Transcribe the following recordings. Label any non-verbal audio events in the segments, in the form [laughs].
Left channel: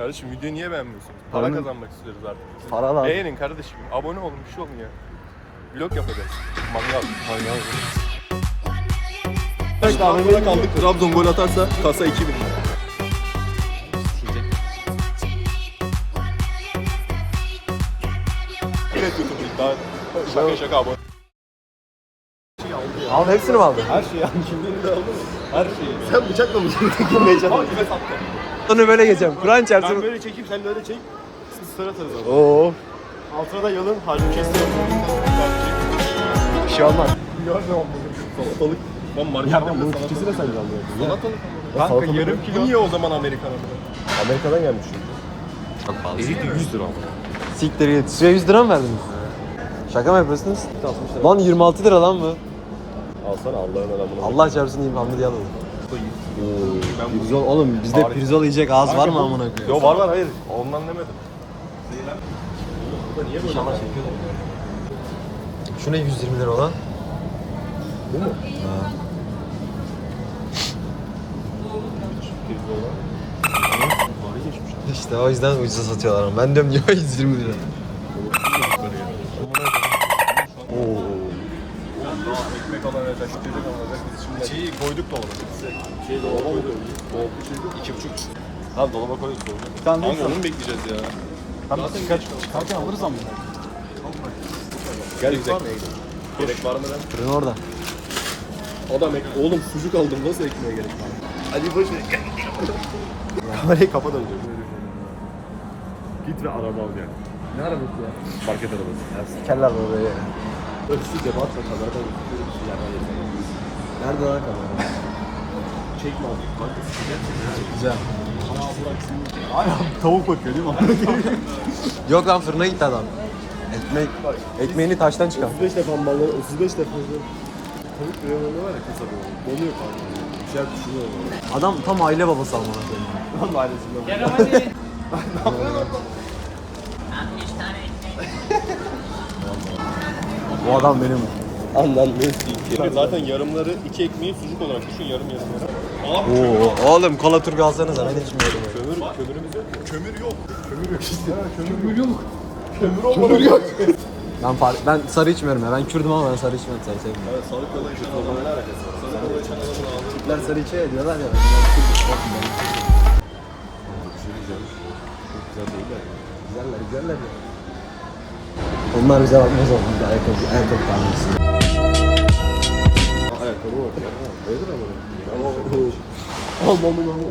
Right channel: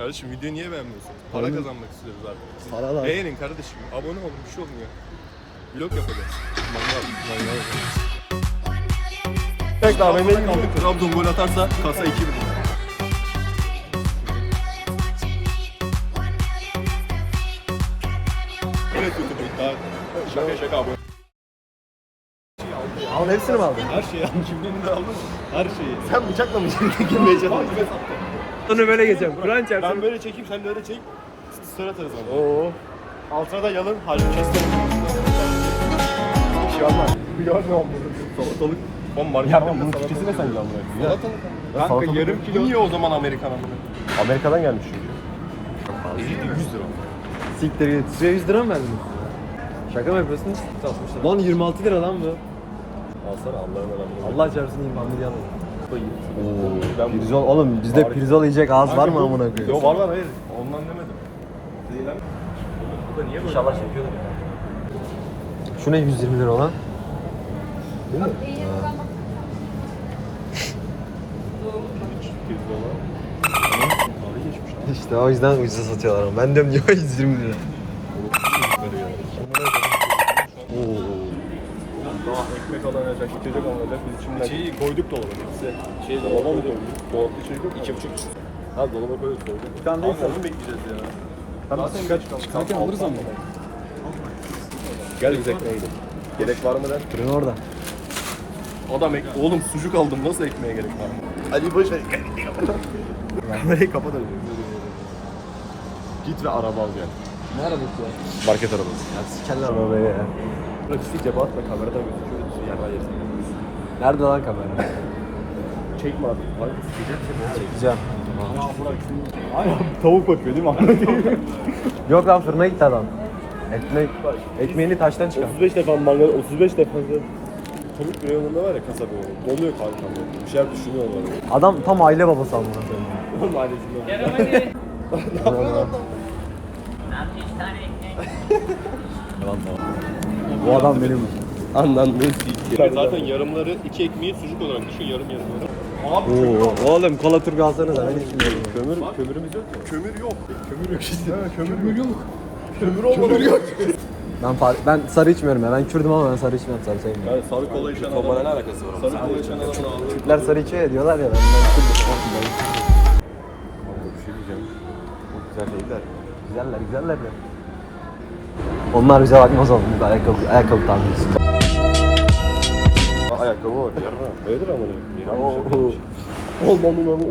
Kardeşim videoyu niye beğenmiyorsun? Para Paranın- kazanmak istiyoruz artık. Siz Para lan. Beğenin kardeşim. Abone olun bir şey olun ya. Vlog yapacağız. Mangal. Mangal. Bekle AVM'ye kaldık. Trabzon gol atarsa kasa 2000 lira. Yine kötü Daha Şaka şaka abone. Abi hepsini mi aldın? Her şeyi. Kimliğini de aldın mı? Her şeyi. Sen bıçakla mı girmeye çalışıyorsun? Onu böyle geçeceğim. Kur'an çarpsın. Ben böyle çekeyim sen de öyle çek. Biz sıra atarız abi. Oo. Altına da yalın. Hadi kesin. Bir şey olmaz. Ya ne oldu? Salatalık. Ya salatalık. bunun Türkçesi de sen anlıyorsun. Salatalık. Kanka salatalık yarım kilo niye o zaman Amerikan amına? Amerika'dan gelmiş çünkü. Çok pahalı. 100 lira. Siktir git. Size 100 lira mı verdiniz? Şaka mı yapıyorsunuz? 60 lira. Lan 26 lira lan bu. Alsana Allah'ın adamı. Allah çarpsın diyeyim hamle diye alalım. Ben Pirzol oğlum bizde Harika. pirzol yiyecek ağız var mı amına koyayım? Yo var var hayır. Ondan demedim. Niye böyle? İnşallah çekiyorlar Şu ne 120 lira olan? Bu mu? Ha. Lan. İşte o yüzden ucuza satıyorlar ama. Ben diyorum niye 120 lira? Oo. Daha alınacak, içecek alınacak. Biz şimdi Şeyi koyduk dolaba. Şey dolaba mı koyduk? Dolapta şey yok. İki buçuk. Ha dolaba koyduk dolaba. Bir tane Kanka onu mu bekleyeceğiz ya? Zaten geç kaldık. Zaten alırız ama. Gel biz ekmeğe gidelim. Gerek var mı lan? Fırın orada. O da ekmek. Oğlum sucuk aldım. Nasıl ekmeğe gerek var? Ali boş ver. Kamerayı kapat önce. Git ve araba al gel. Ne arabası ya? Market arabası. Ya sikerler babayı ya. Bırak üstü cebe atla kameradan. Yesin. Nerede lan kamera? Çekme abi. Kanka sikeceğim seni. Gideceğim. Tavuk bakıyor değil mi? [laughs] Yok lan fırına gitti adam. Ekmek, ekmeğini taştan çıkar. 35 defa mangal, 35 defa Tavuk reyonunda var ya kasabı var. Donuyor kanka. Bir şeyler düşünüyor böyle. Adam tam aile babası amına koyayım. Onun ailesinden. Bu adam benim. Anladın Zaten yarımları iki ekmeği sucuk olarak düşün yarım yarım. Abi Oo, oğlum kola turgu alsanıza ben içmiyorum. kömür, kömürümüz yok? Kömür yok. Kömür yok işte. kömür yok. Kömür olmadı. yok. Ben far- ben sarı içmiyorum ya. Ben Kürdüm ama ben sarı içmiyorum. Sarı sevmiyorum. Yani sağlık kola içen adamla ne alakası var? Sarı kola içen. Türkler sarı içiyor ya diyorlar ya. Ben, ben Kürdüm. Kanka bir şey diyeceğim. Çok güzel değiller? Güzeller güzeller de. Onlar bize bakmaz oğlum. Biz ayakkabı, ayakkabı. Aa, ayakkabı var. Yarın Öyledir ama.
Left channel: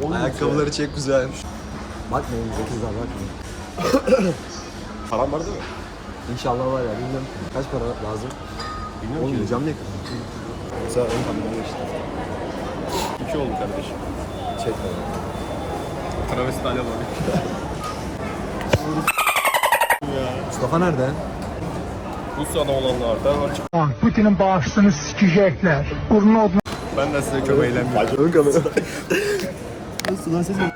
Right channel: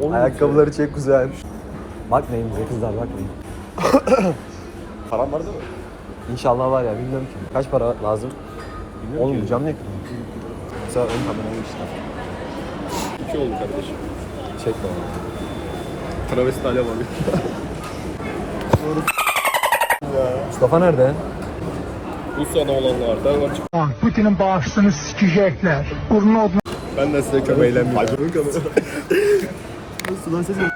Aman. Ayakkabıları çek güzelmiş. Bakmayın bize kızlar bakmayın. [coughs] Param var değil mi? İnşallah var ya bilmiyorum ki. Kaç para lazım? Bilmiyorum Oğlum cam ne kırdın? Sen onun kameranı işte. İki oldu kardeşim. Çekme onu. Travesti alev var. Mustafa nerede? Rusya'da olanlardan açık. Putin'in bağışını sikecekler. Kurnu odun Ben de size çok eğlenmeyeceğim. Ön kamera. Sudan ses mi?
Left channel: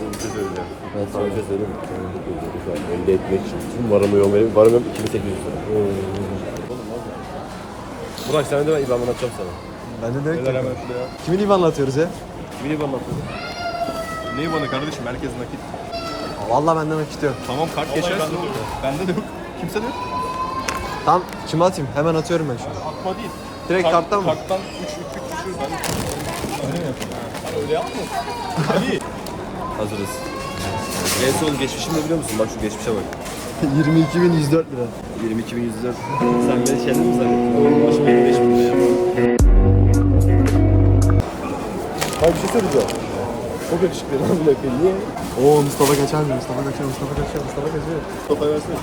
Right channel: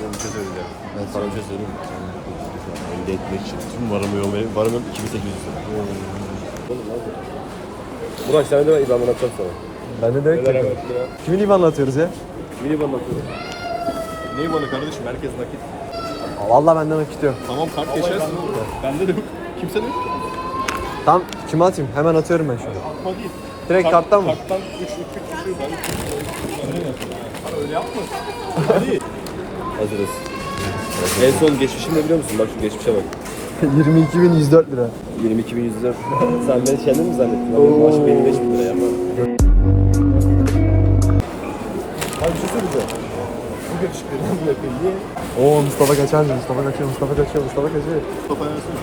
Oğlum bir şey söyleyeceğim. Evet, Sana bir şey söyleyeyim mi? Şu an elde etmek için tüm varımı yoğun varım yok 2800 lira. Burak sen de İbrahim'den atacağım sana. Ben de direkt Neler yapıyorum. yaptı ya? Kimin IBAN'la atıyoruz ya? Kimin İban bakıyor? Neyi bana kardeşim? Herkes nakit. Vallahi benden nakit [laughs] yok. Tamam kart geçersin. Bende de yok. Kimse de yok. Tam kime atayım? Hemen atıyorum ben şu an. Direkt karttan mı? Karttan 3 3 3 Hani öyle yapma. Hazırız. En son geçmişimi biliyor musun? Bak şu geçmişe bak. [laughs] 22.104 lira. 22.100 lira. Sen beni kendin mi zannettin? Benim maaş benim 5 bin lira ya. Hayır bir şey söyleyeceğim. Çok yakışıklı lan bu. Niye? Oo Mustafa kaçar mı? Mustafa kaçıyor, Mustafa kaçıyor, Mustafa kaçıyor. Mustafa versene.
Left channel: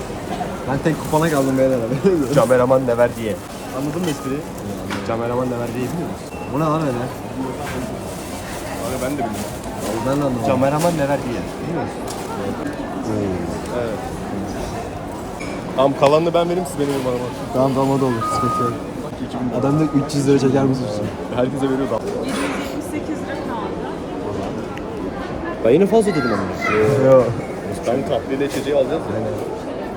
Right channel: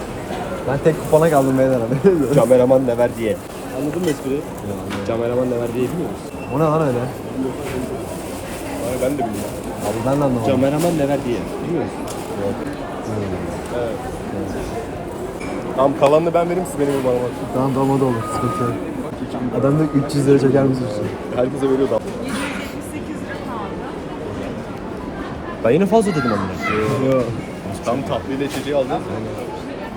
Ben tek kupona kaldım beyler abi. Kameraman ne ver diye. Anladın mı espriyi? Kameraman ne ver diye biliyor musun? Bu ne lan öyle? Hani ben de bilmiyorum. Abi ben de anlamadım. Kameraman ne ver diye. Biliyor musun? Evet. Tamam kalanını ben vereyim siz benim bir bana bakın. Tamam tamam o da olur. Sıkıntı yok. Adam da 300 lira çeker misin? Herkese veriyor da. 778 lira kaldı. Ben yine fazla dedim ama. Yok. Tam tatlıyla içeceği alacağız.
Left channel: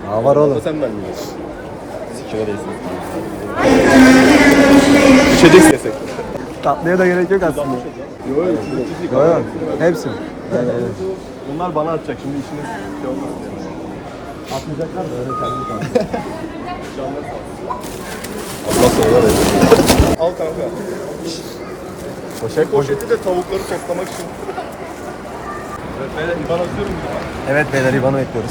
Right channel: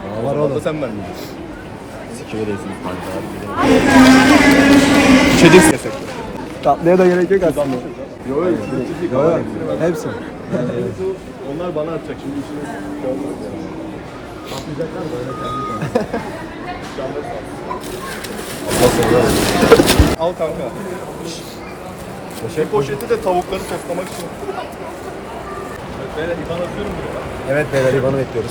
Ya var oğlum. Sen vermeyeceksin. Kime diyorsun? İçeceğiz desek. Tatlıya da gerek yok aslında. Yok yok. Yok yok. Hepsi. Onlar bana atacak şimdi işiniz şey yani. Atlayacaklar da öyle kendi Canları sağ olsun. Allah sonra verir. Al kanka. Poşet poşeti de tavukları toplamak için. Evet beyler İban atıyorum bak. Evet beyler İvan'ı bekliyoruz.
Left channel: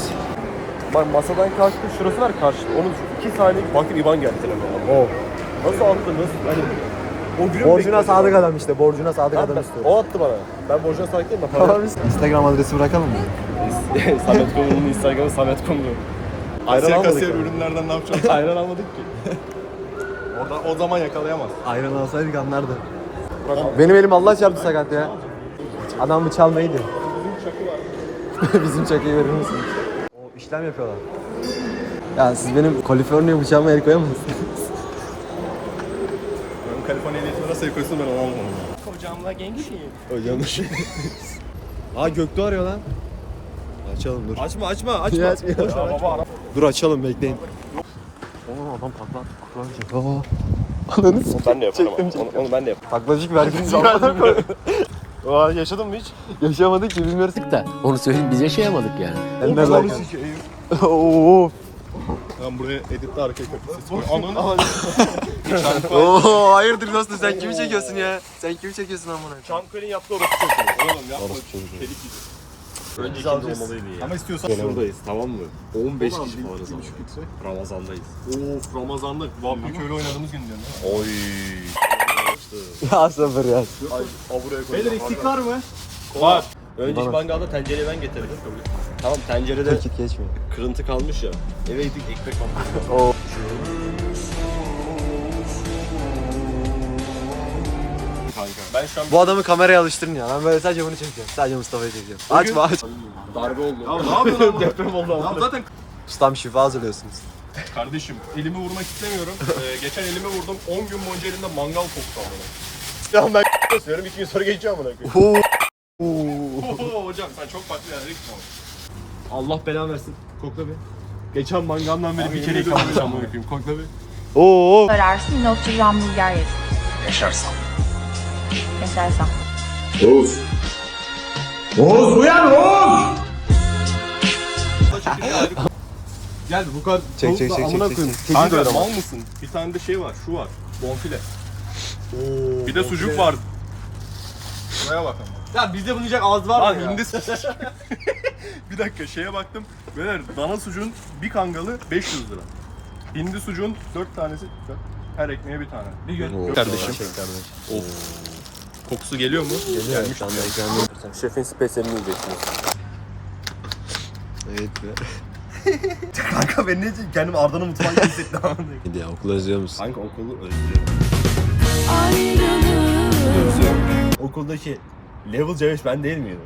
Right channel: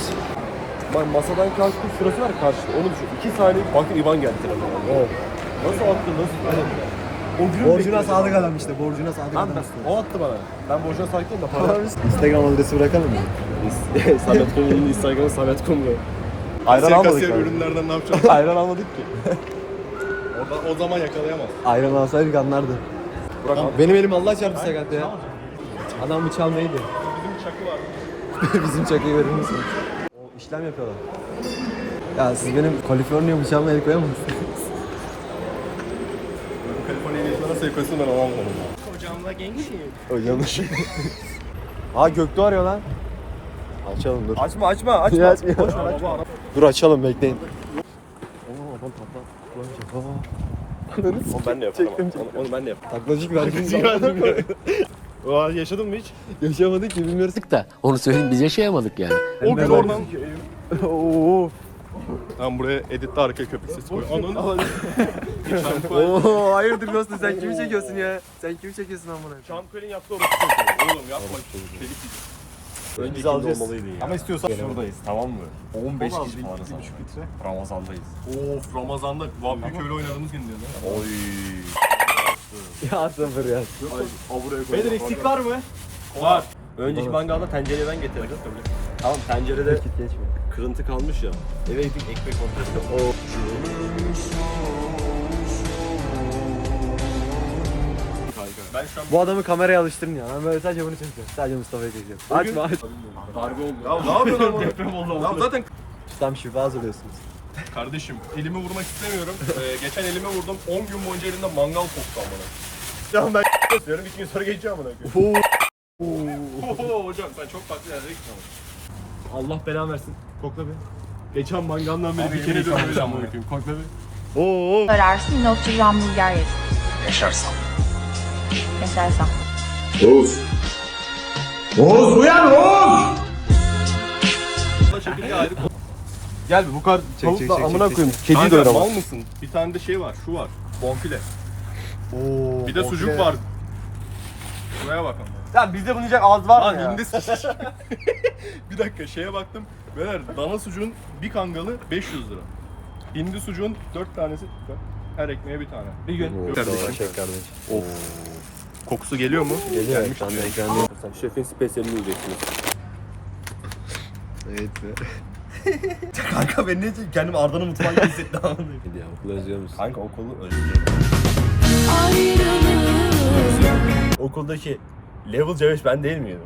Bak masadan kalktı şurası var karşıda onu düşün. 2 saniye bakın İban geldi telefona. O. Nasıl attı nasıl hani o Borcuna bekliyorum. sadık adam işte. Borcuna sadık adam ben, istiyor. o attı bana. Ben borcuna sadık değilim de para. Instagram adresi bırakalım mı? [laughs] Samet Kumru'nun Instagram'ı Samet Kumru. Ayran Kasiyer almadık kasiyer ürünlerden ne yapacağız? Ayran almadık ki. [laughs] Orada o zaman yakalayamaz. Ayran alsaydık anlardı. Benim elim Allah çarptı sakat ya. Adam bir çalmaydı. [laughs] Bizim çakıyı verir misin? O işlem yapıyorlar. Ya siz benim Kaliforniya bıçağıma el koyamazsınız. Benim Kaliforniya ehliyetime nasıl yakıyorsun ben onu anlamadım ya. Kocamla gençsin. Öyle yanlış. Aa Göktuğ arıyor lan. Açalım dur. açma açma açma. Ya, açma. Boş ver açma. Dur açalım bekleyin. Oğlum adam patlar. Onu ben de yaparım. Onu, onu ben de yaparım. Taklacık verginiz [laughs] Aa, yaşadın mı hiç? [laughs] Yaşamadık ki bilmiyoruz. da onu söyleyeyim biz yaşayamadık yani. Çok like. zor. Oo. Ben buraya editte arka köpek sesi koy. Ananı. [laughs] Oo hayırdır dostum sen kimi çekiyorsun ya? Sen kimi çekiyorsun amına? Çankırı'nın yaptığı orası. Oğlum yapma. Delik gibi. Öncekinde olmalıydı ya. Ama istiyorsan Şuradayız tamam mı? 15 kişi falanız ama. Ramazan'dayız. Of Ramazan'da vampir köylü oynadığımız gün diyorsun ha. Oy. [laughs] Ya sabır ya. Ay, buraya koy. Beyler eksik var mı? Var. Önceki mangalda tencereyi ben getirdim. Tamam tencerede Vakit geçmiyor. kırıntı kalmış ya. Eve gittik ekmek aldık. [laughs] Oo. Ben şu an Bu adamı kameraya alıştırın ya. Ben böyle sadece bunu çekeceğim. Sadece Mustafa'yı çekeceğim. Açma aç. darbe oldu. Ya ne yapıyorsun [laughs] oğlum? Deprem oldu. Ya zaten Ustam şifa hazırlıyorsunuz. Kardeşim elimi vurmak istemiyorum. [laughs] Ee, geçen elimi vurdum. 10 gün boyunca elimde mangal koktu amına. Ya ben [laughs] yapıyorum. İki gün sonra geçeceğim amına. Oo hocam sen çok farklı yerlere ama. Allah belanı versin. Kokla bir. Geçen mangaldan beri bir kere amına koyayım. Kokla bir. Oo. Ararsın yine oturur hamburger yersin. Yaşarsam. Yaşarsan. Gel bu kadar Çek, çek, çek, amına koyayım. Kedi Kanka, diyorum. mal mısın? Bir tane de şey var, şu var. Bonfile. bir de sucuk var. Şuraya bak ama. Ya bizde bunu yiyecek ağız var Lan hindi [laughs] Bir dakika şeye baktım. Beyler dana sucuğun bir kangalı 500 lira. Hindi sucuğun 4 tanesi her ekmeğe bir tane. Bir gün. Kardeşim. Çek kardeşim. Of. Kokusu geliyor mu? Geliyor ekranda ekranda. Şefin spesiyelini yiyeceksiniz. Evet be. [laughs] Kanka ben ne diyeyim? Kendimi Arda'nın mutfağında hissettim. [laughs] Hadi ya okul özlüyor musun? Kanka okulu özlüyorum. Özlüyorum. Okuldaki level C5 ben değil miydim?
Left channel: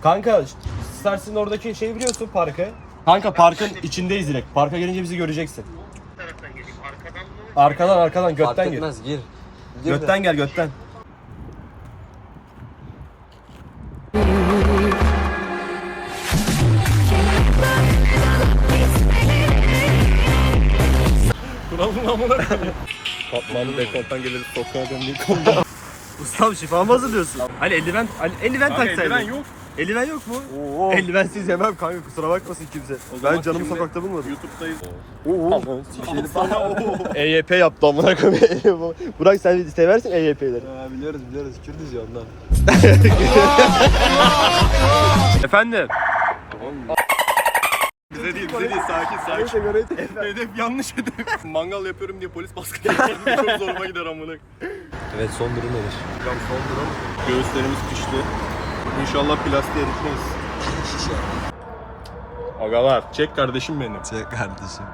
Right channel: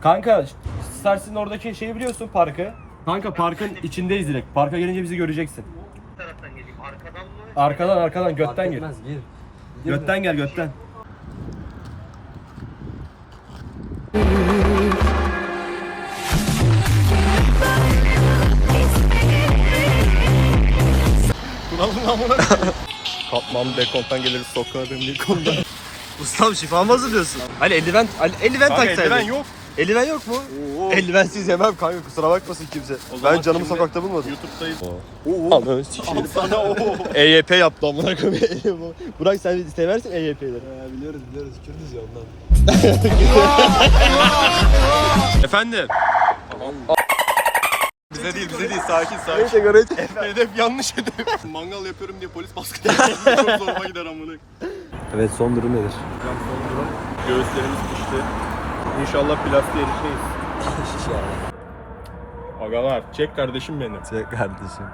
Kanka Stars'ın oradaki şeyi biliyorsun parkı. Kanka parkın içindeyiz direkt. Parka gelince bizi göreceksin. taraftan geleyim? Arkadan mı? Arkadan arkadan götten gir. etmez gir. Götten gel götten. [laughs] Kuralın amına koyayım. [laughs] Dekoltan gelir sokağa demliği konuda. [laughs] Ustam şifa mı hazırlıyorsun? Ali eldiven, Ali, eldiven Kanka taksaydın. eldiven yok. Eldiven yok mu? Oo. Eldivensiz yemem kanka kusura bakmasın kimse. Ben canımı şimdi sokakta bulmadım. YouTube'dayız. Oo. EYP [laughs] yaptı amına koyayım. Burak sen seversin EYP'leri. Ya biliyoruz biliyoruz Kürdüz ya ondan. Efendim. Bize değil, bize değil. Sakin, sakin. Neyse göre [laughs] Hedef yanlış hedef. [laughs] Mangal yapıyorum diye polis baskı yapıyor. Çok zoruma gider amına. Evet son durum nedir? Hocam son durum. Göğüslerimiz pişti. İnşallah plastiğe erişmeyiz. Agalar, çek kardeşim benim. Çek kardeşim.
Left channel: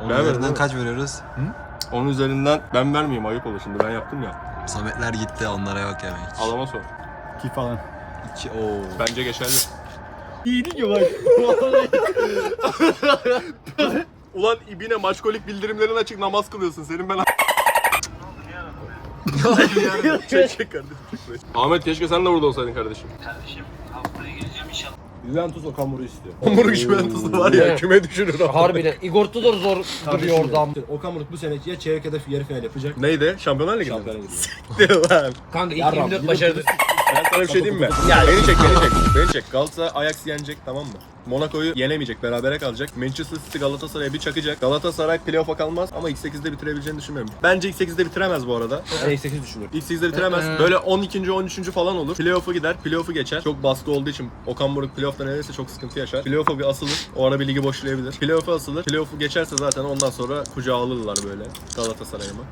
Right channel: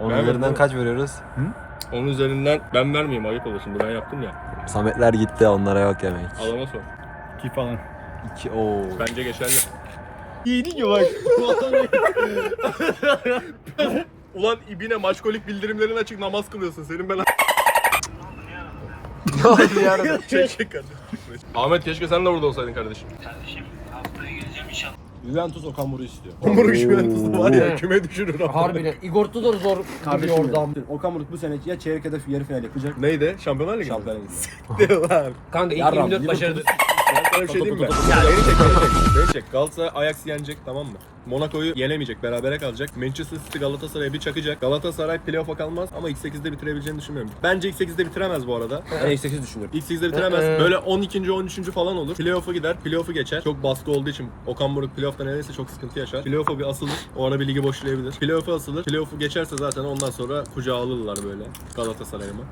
Onun Vermedin üzerinden kaç veriyoruz? Onun üzerinden ben vermeyeyim ayıp olur şimdi ben yaptım ya. Sametler gitti onlara yok yemek. Adama sor. İki falan. İki ooo. Bence geçerli. Mi bak? [laughs] Ulan ibine maçkolik bildirimlerin açık namaz kılıyorsun. Senin ben... Ne oldu yarın? [laughs] çek çek kardeşim. Ahmet keşke sen de burada olsaydın kardeşim. Juventus Okan Buruk istiyor. Hamburg Juventus'ta var ya küme düşürür abi. Harbiden. Igor Tudor zor duruyor oradan. Okan Buruk bu sene ya çeyrek ya da yarı final yapacak. Neydi? Şampiyonlar Ligi mi? Gidiyor. Lan. Kanka ilk 24 başarılı. Sana bir şey diyeyim mi? Ya beni çek, beni çek. [laughs] Beni çek. Galatasaray Ajax yenecek tamam mı? Monaco'yu yenemeyecek, berabere kalacak. Manchester City Galatasaray'a bir çakacak. Galatasaray playoff'a kalmaz ama ilk 8'de bitirebileceğini düşünmüyorum. Bence ilk 8'de bitiremez bu arada. Ben ilk 8 düşünüyorum. İlk 8'de bitiremez. Böyle 12. 13. falan olur. Playoff'a gider. Playoff'u geçer. Çok baskı olduğu için Okan Buruk playoff'ta neredeyse çok sıkıntı yaşar. Playoff'a bir asılır. O ara bir ligi boşlayabilir. Playoff'a asılır. Playoff'u geçerse zaten ondan sonra kucağa alırlar böyle Galatasaray'ı mı?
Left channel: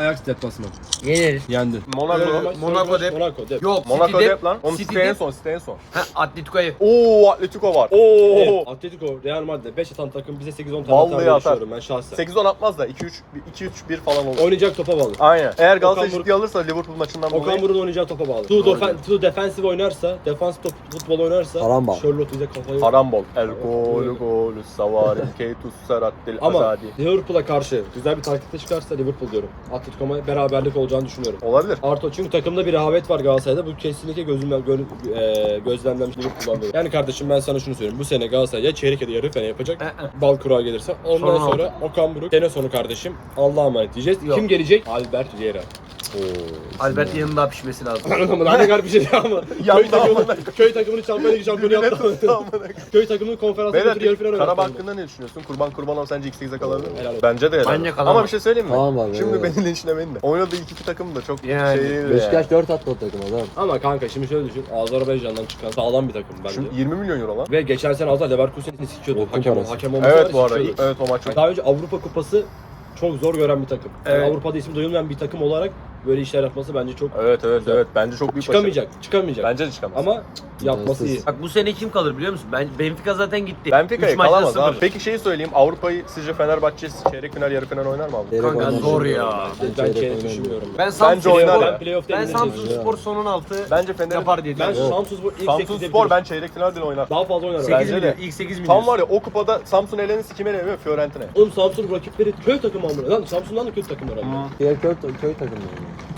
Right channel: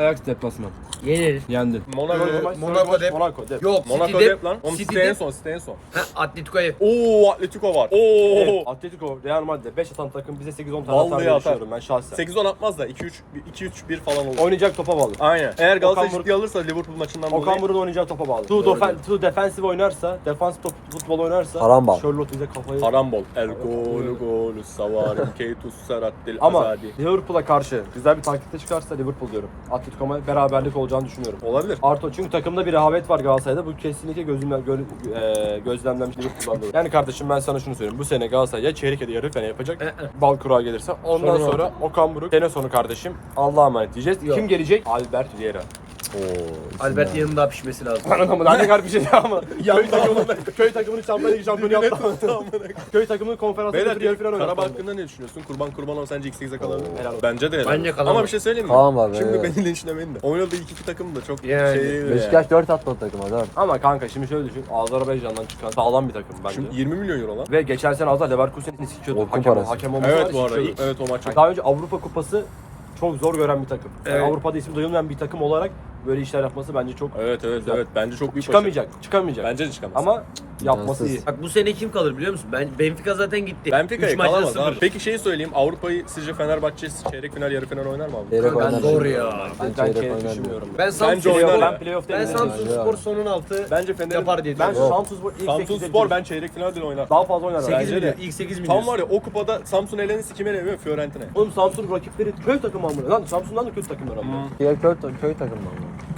Ajax deplasman. Yeneriz. Yendin. Monaco, Monaco dep. Monaco dep. Yok, Monaco City dep dep. lan. Oğlum City City en dep. son, City en son. Ha Atletico'ya. Oo Atletico var. Oo. Evet, Atletico, Real Madrid 5 atan takım bize 8-10 tane Vallahi atar diye atar. düşünüyorum ben şahsen. 8-10 atmaz da 2-3 2-3-1 falan olur. Oynayacak topa bağlı. Aynen. Eğer Galatasaray Okan Buruk- ciddi alırsa Liverpool maçından Okan dolayı Buruk'un oynayacağı topa bağlı. Too, defen, too defensive oynarsa, defans top, futbol oynarsa Karambol. Charlotte bize kafayı... Harambol. El golü golü savarim keytus seraddil Ama azadi. Liverpool'a karşı güzel bir taktikte çıkarsa Liverpool diyorum. Atletico'ma beraberlik olacağını düşünüyorum. Olabilir. Arto çünkü takımda bir rehavet var Galatasaray'da. Bu kesinlikle gözümden gö, e, gözlemlenmiş Liverpool'dan dolayı. Yani kardeşim ben sana şunu söyleyeyim. Bu sene Galatasaray ya çeyrek ya da yarı final yapacak. Bal kurağı gelirse. Ondan Sorun sonra Okan Buruk. Sene sonu kardeşim. Allah'a emanet diyeceğiz. Kim gelecek? Albert Vieira. Albert yanında pişmesi lazım. Daha ne kadar bir şey ama. köy, takımını, köy takımını Şampiyonlar Ligi şampiyonu yaptı. [laughs] köy takımını konferans Beyler götür yarı final oynattı. Karabağ hakkında ne düşünüyorsun? Kurban Kurbanov sence ilk 8'e kalabilir mi? Bence de. Bence kalamaz. Ama bir şey söyleyeyim mi? Tamam abi, Şimdi evet. beni linçlemeyin de. Oynadığı ilk iki takım da çok Yani, şey yani. Beşiktaş 4 attı o takıma adam. Ama kanka şimdi şöyle düşün. Azerbaycan'dan çıkan sağlam bir takım bence. Şimdi 20 milyon euro lan. Ve geçen sene az daha Leverkusen'i sikiyordu. Okul Hakem, parası. hakem olması Evet bu arada. Evet o maç. Daha önce Avrupa Kupası çok zor gören bir takım. Yani Evet. Avrupa'da isim duyulmayan bir takım olarak böyle işler yapması bence çok Evet evet Güzel. evet. Bence çok büyük çıkamayacak. Çıkamayacak. Bence de çıkamaz. Ama yapması iyi. Bak bu sene kim kalır biliyor musun? Ben Benfica zaten gitti. Benfica'ya Üç maçta kalamaz sıfır. abi. Peki şeyi söyleyeyim. Avrupa'yı sizce Fenerbahçe çeyrek final yarı final oynar mı abi? Çeyrek Kanka oynar. zor ya. Ben çeyrek çeyrek oynar düşünmüyorum. Ben Bence Samsun oynar Spor, ben playoff'ta ben yenileceğini Samsun düşünüyorum. Spor sonun altı Bence Fener yapar diye Ben düşünüyorum. Samsun ilk Samsun 8'de Spor ben çeyrek final bile oynar. daha fazla oynar. 8 Bence milyon, de. ilk 8 milyon. Tam var ya o kupada Samsun elenirse kim eleniyor? Fiorentina. Oğlum Samsun rakipleri köy takımı amına. Lan Samsun'dan da kötü takımlar amına. Diğer köy, köy takımı.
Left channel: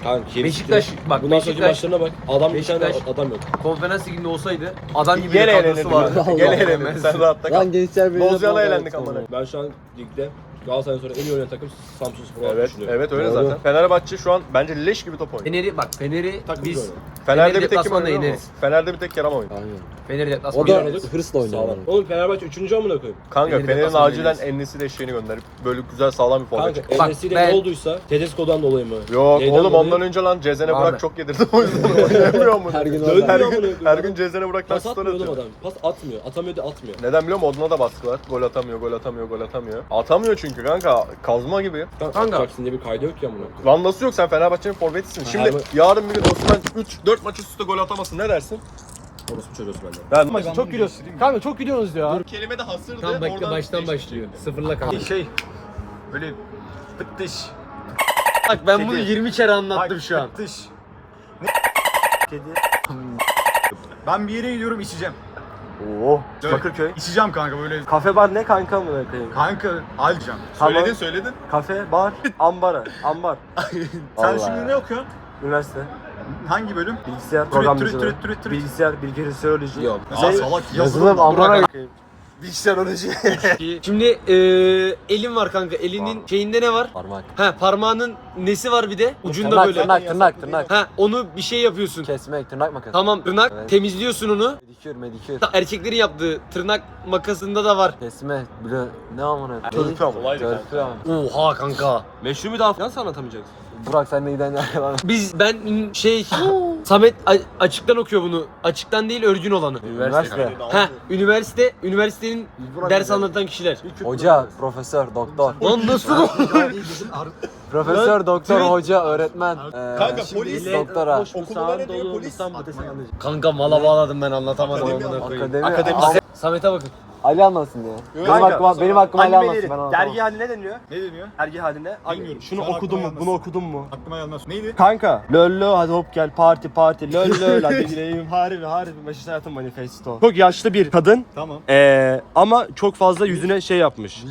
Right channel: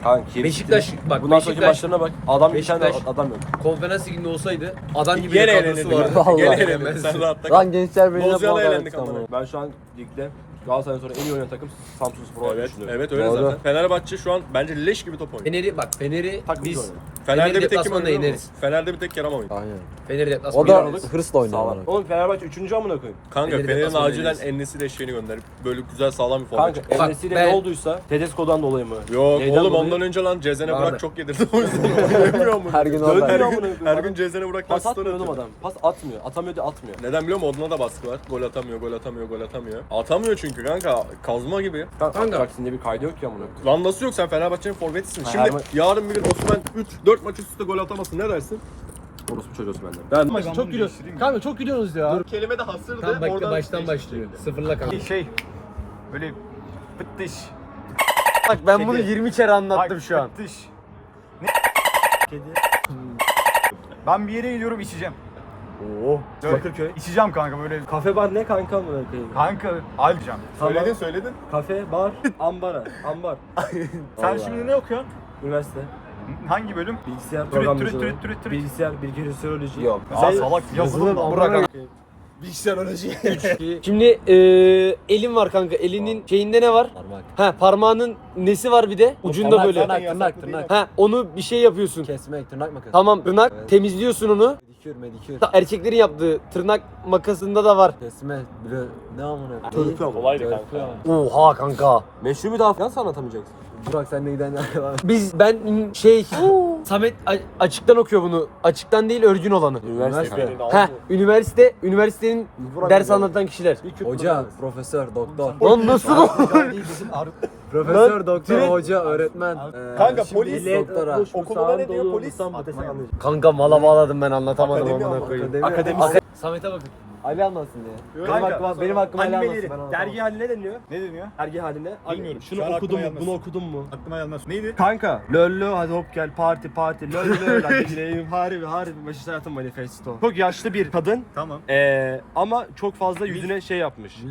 Kanki. Beşiktaş bak Bundan sonraki Beşiktaş maçlarına bak. Adam bir tane Beşiktaş- adam yok. konferans liginde olsaydı adam gibi Gene bir kadrosu elenirdi. vardı. Allah. Gene Allah. elenirdi. Sen rahatta kal. Lan gençler puan elendik verdik amına. ama. Ben şu an ligde Galatasaray'dan sonra en iyi oynayan takım Samsun Spor olarak Evet, düşünüyorum. evet öyle Doğru. zaten. Fenerbahçe şu an bence leş gibi top oynuyor. Fener'i bak Fener'i Takım biz oynuyor. Fener'de Fener'i bir tek kim deplasmanda oynuyor yeneriz. ama? Fener'de bir tek Kerem oynuyor. Aynen. Fener'i O deplasmanda da yeneriz. hırsla oynuyor. Oğlum Fenerbahçe 3. amına koyayım. Kanka Fener'i Fener'in deplasmanda acilen yeneriz. Ennesi'yle eşeğini gönderip böyle güzel sağlam bir forvet Kanka çıksın. Bak, Enes'iyle ben- ne olduysa Tedesco'dan dolayı mı? Yok Neyden oğlum dolayı? ondan önce lan Cezene. Burak çok yedirdi [laughs] o yüzden [laughs] oynayamıyor mu? Her gün orada. ya amına koyayım. Her gün Cezene Burak Pas atmıyor oğlum adam. Pas atmıyor. Atamıyor da atmıyor. Neden biliyor musun? Oduna da baskı var. Gol atamıyor, gol atamıyor, gol atamıyor. Atamıyor çünkü kanka. Kazma gibi. Kanka. Bak şimdi bir kaydı yok ya amına koyayım. Lan nasıl yok sen Fenerbahçe'nin forvetisin. Şimdi her- yarın bir gün Osman 3-4 maç üst üste gol atamasın ne dersin? Orospu çocuğu benden. Ben, çok gülüyorsun. Kanka çok gülüyorsunuz ya. Dur kelime de hasırdı. Tam oradan baştan başlıyor. Sıfırla kanka. Şey böyle fıttış. Bak ben bunu 20 kere anlattım şu an. Dış. Ne? Kedi. Ben bir yere gidiyorum içeceğim. Oo. Evet. Bakırköy. İçeceğim kanka böyle. Kafe bar ne kanka amına koyayım? Kanka alacağım. Söyledin söyledin. Kafe, bar, ambara, ambar. Sen Vallahi şimdi ya. ne okuyorsun? Üniversite. Hangi bölüm? Bilgisayar programcılığı. Bilgisayar, bilgisayaroloji. Yok. Aa salak Yazılım yazılım. amına Bilgisayaroloji. [laughs] Şimdi e, elim var kanka. Elinin şeyinde ne var? Parmak. Ha parmağının nesi var bir de? Ucunda Tırnak, böyle. tırnak, tırnak, tırnak. Ha onu bir şey yapıyorsun. Kesmek, tırnak makası. Tamam tırnak Evet. temizliyorsun onu. Medikür, medikür. Erkeklerin yaptığı tırnak makasında da var. Kesme, bile ne amına. Törpü ama. Oha kanka. Meşru bir daha nasıl anlatamayacaksın? Burak sen de giden lan. [laughs] Biz ben şey Samet a- açıktan okuyor bunu. Açıktan değil örgün olanı. Üniversite. Ha üniversite üniversitenin Burak ders güzel. anlatan kişiler. Hoca, profesör, doktor. Lan nasıl? Profesör, doktor, hoca, öğretmen. Ee, Kanka polis- doktora. Okulda ne diyor polis? Kanka mala bağladım ben anlatamadım. Akademi. Akademi. Akademisyen. Samet'e bakın. Ali anlatsın ya. Benim Kanka, aklıma, benim aklıma Ali anlatsın ben Animeleri. anlatamam. Dergi haline deniyor. Ne deniyor? Dergi haline. Bilmiyorum. Şunu Şu an okudun aklıma mu? Bunu okudun mu? Aklıma gelmez. Neydi? Kanka. Lollo hadi hop gel parti parti. Lollo lan [laughs] dileyim harbi harbi. Mesaj hayatım manifesto. Çok yaşlı bir kadın. Tamam. Ee, ama çok fazla yüzüne şey yapmış.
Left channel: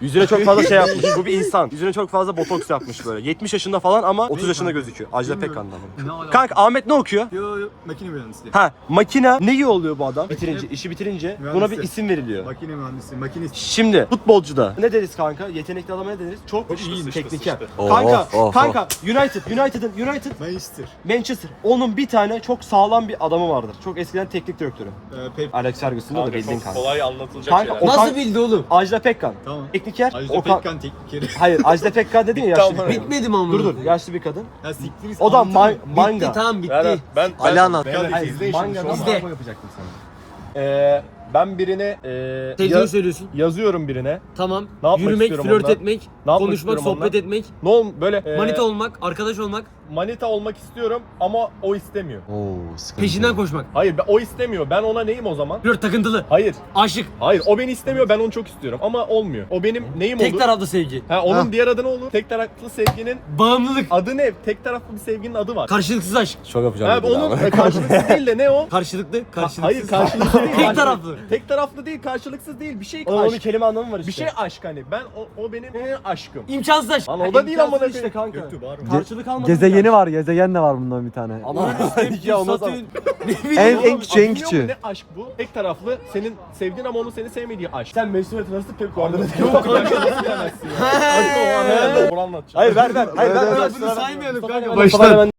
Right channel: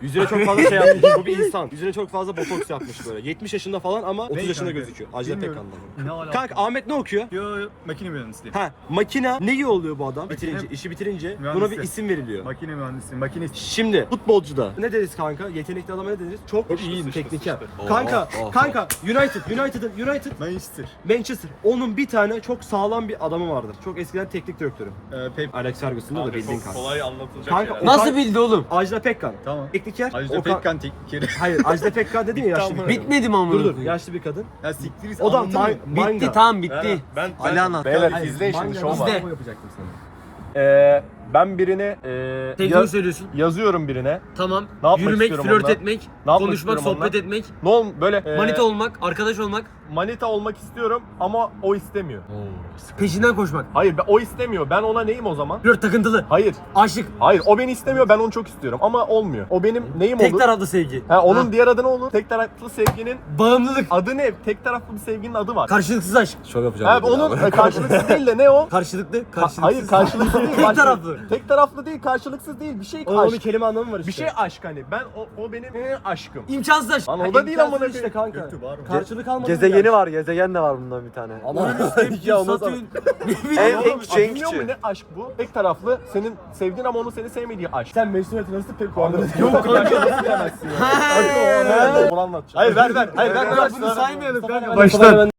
Yüzüne çok fazla şey yapmış. [laughs] Bu bir insan. Yüzüne çok fazla botoks yapmış böyle. 70 yaşında falan ama 30 yaşında kanka? gözüküyor. Ajda Bilmiyorum. Pekkan'dan. Ne alaka? Kanka Ahmet ne okuyor? Yo yo makine mühendisliği. Ha makine ne iyi oluyor bu adam? Bitirince, işi bitirince buna bir Mühendislik. isim veriliyor. Makine mühendisliği. Makine Şimdi futbolcuda ne deriz kanka? Yetenekli adama ne deriz? Çok, iyi tekniker. Oh, Kanka, oh, oh. kanka United, United'ın United Manchester. Manchester. Onun bir tane çok sağlam bir adamı vardır. Çok eskiden teknik direktörü. Ee, Pep. Alex Ferguson'da da bildiğin çok kanka. kolay anlatılacak Kanka şeyler. Nasıl bildi oğlum? Ajda Pekkan. Tamam. Tekniker. Ajda o kan- Pekkan teknikeri. [laughs] Hayır Ajda Pekkan dedin ya yaşlı. bir- Bitmedi mi ama? Dur dur yaşlı bir kadın. Ya siktir O da anlatır ma- mı? manga. Bitti tamam bitti. Ben, ben, Ali anlat. Beyler izleyin şimdi manga- şu an. İzle. Ben birine e, Tekniği yaz- söylüyorsun. yazıyorum birine. Tamam. Ne yapmak Yürümek, istiyorum flört onunla? etmek, Ne yapmak konuşmak, istiyorum sohbet onunla? etmek, Ne ol böyle e, manita olmak, arkadaş olmak, manita olmak istiyorum ama o istemiyor. peşinden koşmak. Hayır ben- o istemiyor. Ben ona neyim o zaman? Flört takıntılı, Hayır. aşık, Hayır o beni istemiyor ben onu çok istiyorum ama olmuyor. O benim neyim tek olur? taraflı sevgi. Ha, onun Ha. diğer adı ne olur? Tek taraflı sevginin Bağımlılık, adı ne? Tek taraflı bir sevginin adı var. karşılıksız aşk. Şov yapacağım. Ha, onun e, karşılıksız değil de ne o? Karşılıklı, karşılıksız. Hayır karşılıksız değil. Tek taraflı. Tek taraflı değil karşılıksız değil. Bir şey O onun aşk. kelime anlamı var işte. Bir şey aşk hani. Ben o, o benim e, aşkım. İmkansız aşk. Lan o da değil ama işte kanka. Karşılık almadı. Gezegeni var, gezegen de var bundan bir tane. Ama Ya da- Satürn. En- Oğlum, en küçüğü, en bilmiyor ne aşk bu? Tek taraflı senin sevdiğin ama onun seni sevmediği aşk. sen Mesut nasıl pek Yok kanka nasıl bilemezsin ya? Hadi o an bunu anlatacağım. Hayır ver ver. Hayır ver. Ya bunu saymayalım kanka. Baştan.